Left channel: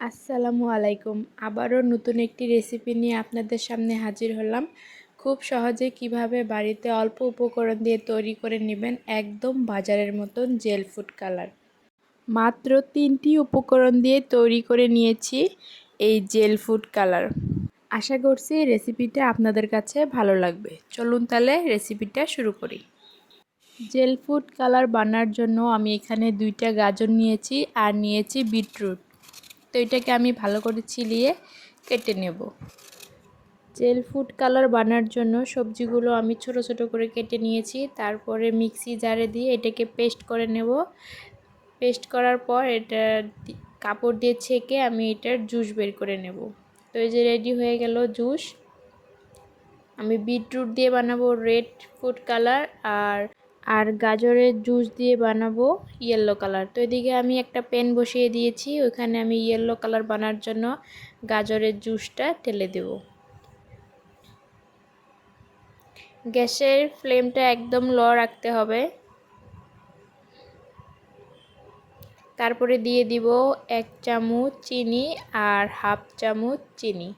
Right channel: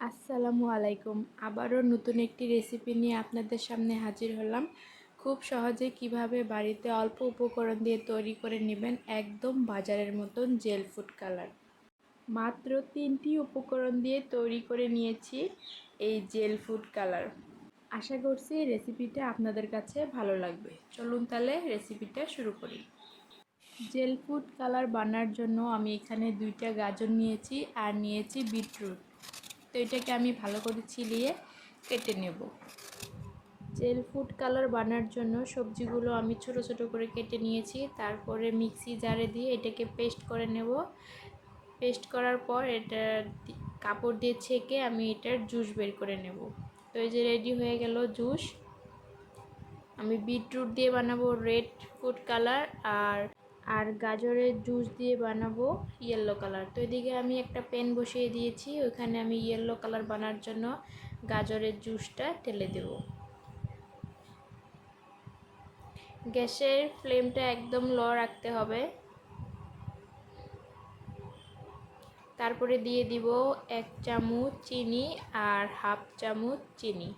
আসসালামু আলাইকুম। আবারও নতুন একটি রেসিপি নিয়ে আপনাদের সামনে হাজির হলাম। খুব সহজে কীভাবে বাড়িতে অল্প উপকরণ দিয়ে তৈরি করে নেবেন একদম বাজারের মতন জেল ফুড কালার। মাত্র তিনটি উপকরণ দিয়ে তৈরি করে নিয়েছি এই জেল ফুড কালার। আশা করছি রেসিপিটা আপনাদের কাছে ভালো লাগবে। চলুন তাহলে রেসিপিটা শুরু করি। জেল ফুড কালার বানার জন্য আমি এখানে দুইটা গাজর নিয়েছি আর নিয়েছি বিটরুট। তো এটাকে আমি ভালো করে ছিলিয়ে কেটে নেব। জেল ফুড কালার বানার জন্য সবজিগুলো আমি ছোট ছোট করে কেটে নিয়েছি। তারপরে মিক্সি জারে দিয়ে এটাকে পেস্ট করে নেব। পেস্ট করার পর এটা কাপড় দিয়ে ছেঁকে আমি এটার জুস বের করে নেব। তো এই যে রেডি হয়ে গেল জুস। আমি বিটরুট দিয়ে বানাবো রেড ফুড কালার আর আর গাজরের জুস দিয়ে বানাবো ইয়েলো কালার তো এদিকে আমি একটা পেন বসিয়ে দিয়েছি, ওইখানে আমি ইয়েলো কালার বানার জন্য গাজরের জুসটা ঢেলে দেব। গ্যাসের ফ্লেমটা একদম ল রাখতে হবে। তারপরে দিয়ে দিব এক চামচ চিনি আর হাফ চামচ চিনি।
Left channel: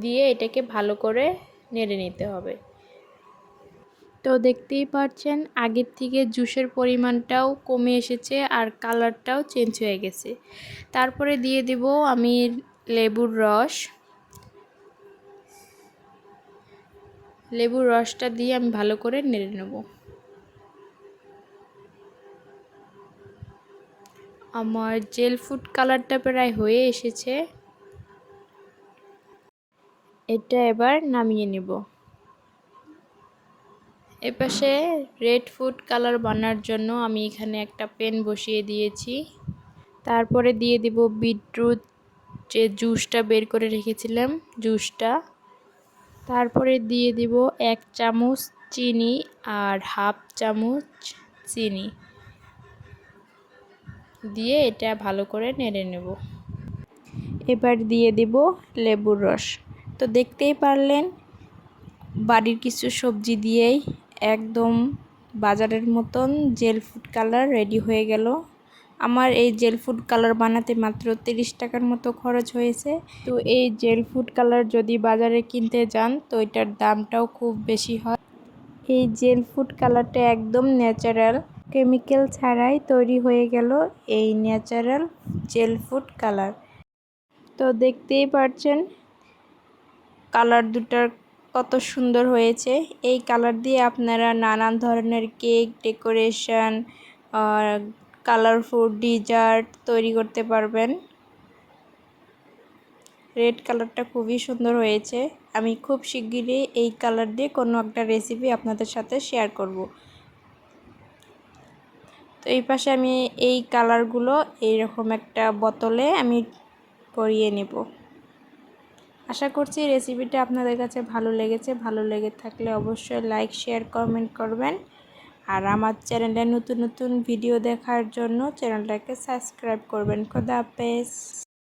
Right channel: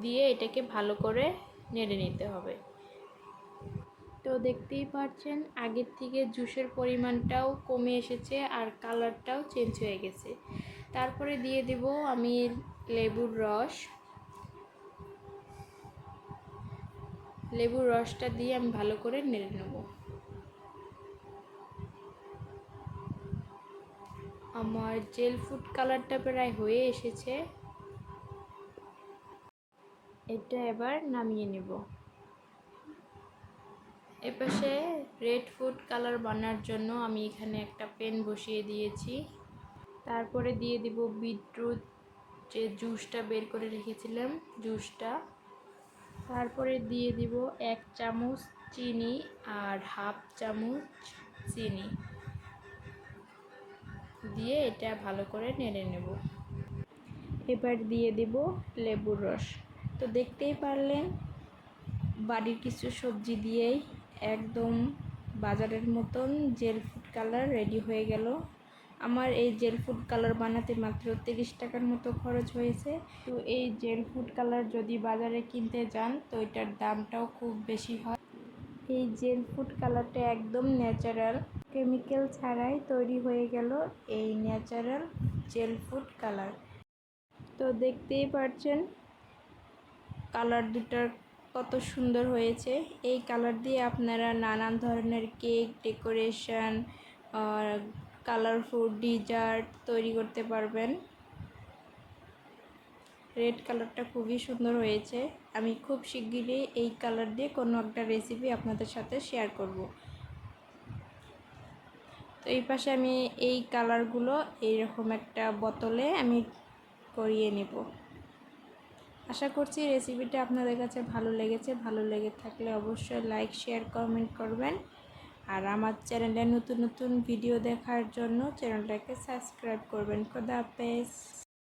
দিয়ে এটাকে ভালো করে নেড়ে নিতে হবে। তো দেখতেই পাচ্ছেন আগের থেকে জুসের পরিমাণটাও কমে এসেছে আর কালারটাও চেঞ্জ হয়ে গেছে। তারপরে দিয়ে দেব আমি লেবুর রস। লেবুর রসটা দিয়ে আমি ভালো করে নেড়ে নেব। আমার জেল ফুড কালারটা প্রায় হয়ে এসেছে। এটা এবার নামিয়ে নেব। এপাশে রেড ফুড কালার বানার জন্য আমি এখানে একটা পেন বসিয়ে দিয়েছি। তারপরে দিয়ে দিব বিটরুট, যে জুসটা বের করে রেখেছিলাম জুসটা। তারপরে দিয়ে দিব এক চামচ চিনি আর হাফ চামচ চিনি। দিয়ে এটা ভালো করে নেড়ে নেব। এবার দিয়ে দিব লেবুর রস। তো দেখতেই পারলেন, বাড়ির কিছু সবজি দিয়েই একদম বাজারের মতন জেল ফুড কালার রেডি হয়ে গেল। আমার এই জেল ফুড কালার বানাতে মাত্র তিরিশ টাকার মতো খরচ হয়েছে। তো এই জেল ফুড কালার যদি বাজারে কিনতে যান, তো এটার দামটাও খুব বেশি হয়। এই জেল ফুড কালারটা একদম ন্যাচারাল, কেমিক্যাল ছাড়াই তৈরি হয়ে গেল এই ন্যাচারাল জেল ফুড কালার। তো দেখতেই পাচ্ছেন কালার দুটার কত সুন্দর হয়েছে। এই কালার দিয়ে আপনারা নানান ধরনের কেক, ডেকোরেশন কালারফুল ডিজার্ট তৈরি করতে পারবেন। রেড কালারটা খুবই সুন্দর হয়েছে। আমি খুব শিগগিরই এই কালার দিয়ে কোনো একটা রেসিপি আপনাদের সাথে শেয়ার করব। তো এই পাশে আমি এই কালারগুলো এইরকম একটা বোতলে আমি করিয়ে নেব। আশা করছি রেসিপিটা আপনাদের কাছে ভালো লেগেছে। ভালো লেগে থাকলে অবশ্যই লাইক শেয়ার কমেন্ট করবেন। আর আমার চ্যানেলে নতুন নতুন ভিডিও দেখার জন্য চ্যানেলটাকে সাবস্ক্রাইব করবেন। খোদা হাফেজ।